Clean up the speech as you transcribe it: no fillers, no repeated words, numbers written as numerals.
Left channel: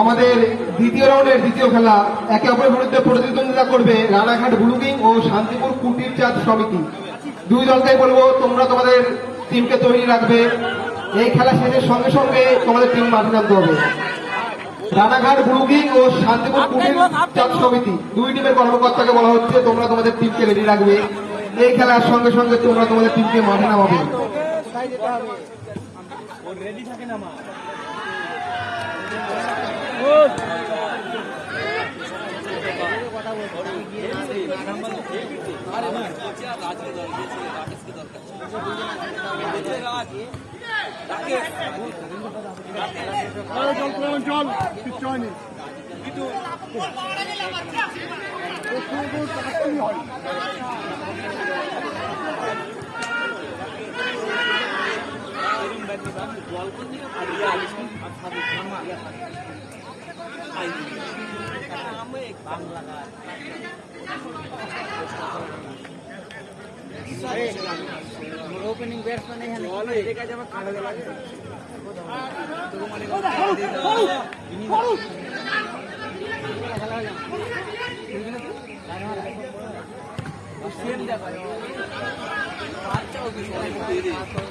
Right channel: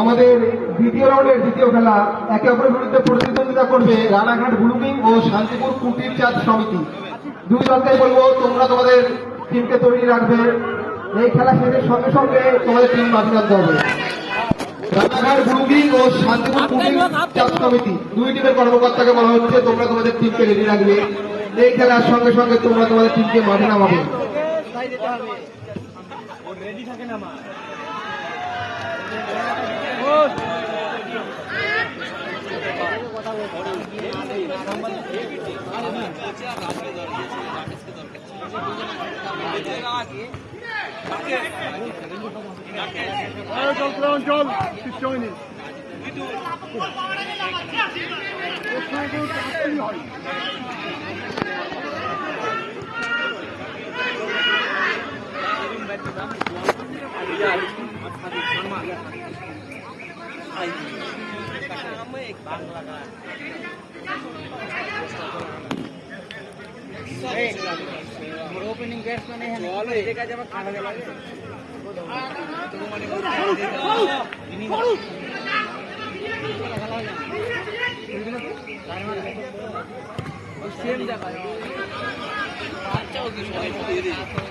আমাদের দ্বিতীয় রাউন্ডের দ্বিতীয় খেলা একে অপরের বিরুদ্ধে প্রতিদ্বন্দ্বিতা করবে রানাঘাট ব্লু কিং ও শান্তিপুর কুটির চাঁদ সমিতি। দুই দলকেই বলবো তোমরা তোমাদের টিমকে তৈরি রাখবে। এই খেলা শেষের সঙ্গে সঙ্গে তোমাদের টিম মাঠে নামতে হবে। রানাঘাট ব্লু কিং ও শান্তিপুর কুটির চাঁদ সমিতি দুই টিমের কর্মকর্তাকে বলা হচ্ছে তোমরা তোমাদের টিমকে রেডি রাখবে। এই খেলার সঙ্গে সঙ্গে তোমরা তোমাদের টিমকে মাঠে নামাবে। ओपनिंग बैट्समैन है बॉल एका जब खाने लगे सेम जाता है अच्छा होगी तेरी मतलब